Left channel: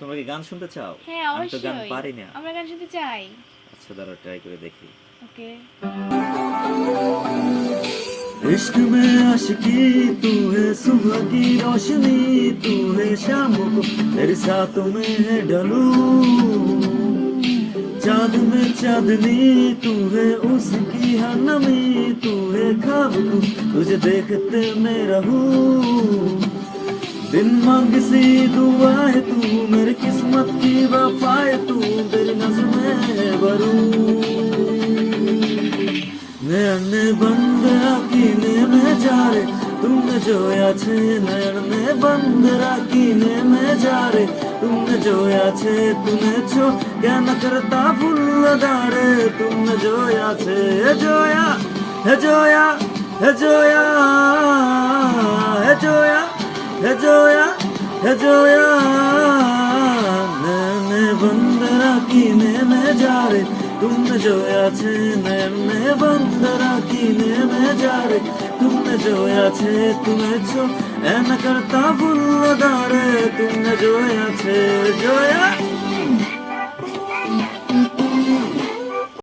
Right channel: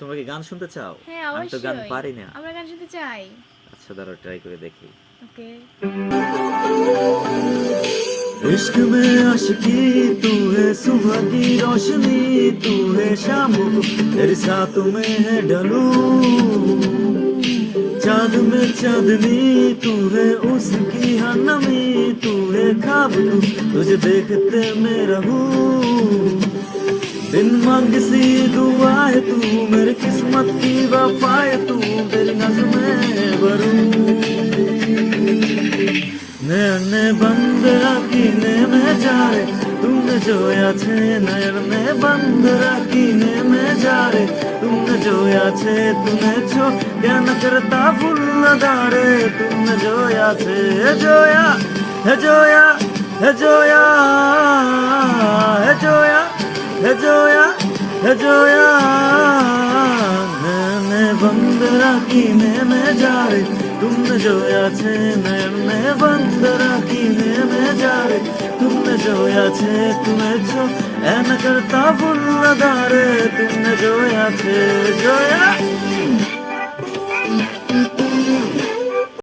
তোমরা কি গান শুনতে চাও? হ্যাঁ আমি তো গান অবশ্যই, পারি না। আমরা গান শুনতে চাই। আচ্ছা দাঁড়াও ট্রাই করে দেখি। ওকে। इश्क में आशिकी तू है, सुबह की रोशनी तू है, शाम को तेरे साथ में है ढलूं, चांद में चांदनी तू है, उसकी हर नमी तू है, ख्वाब तू, तुझे देखते मैं रहूं, बिन मांग सी दुआ है तू, मेरी किस्मत की वफा है तू, तेरी नज़र में भरूं, नैने बंद रखीने में जाए तुमने जोया छे, नैने बंद रखीने में जाए तुमने जोया छे, तुम्हें छो क्या न करता फूल लगा रे, तुमने जोया छे, जोया है जोया है जोया है जोया है जोया है जोया, नैने बंद रखीने में जाए तुमने जोया छे, नैने बंद रखीने में जाए तुमने जोया छे, तुम्हें छो ऐन करता फूल लगा रे, तुमने जोया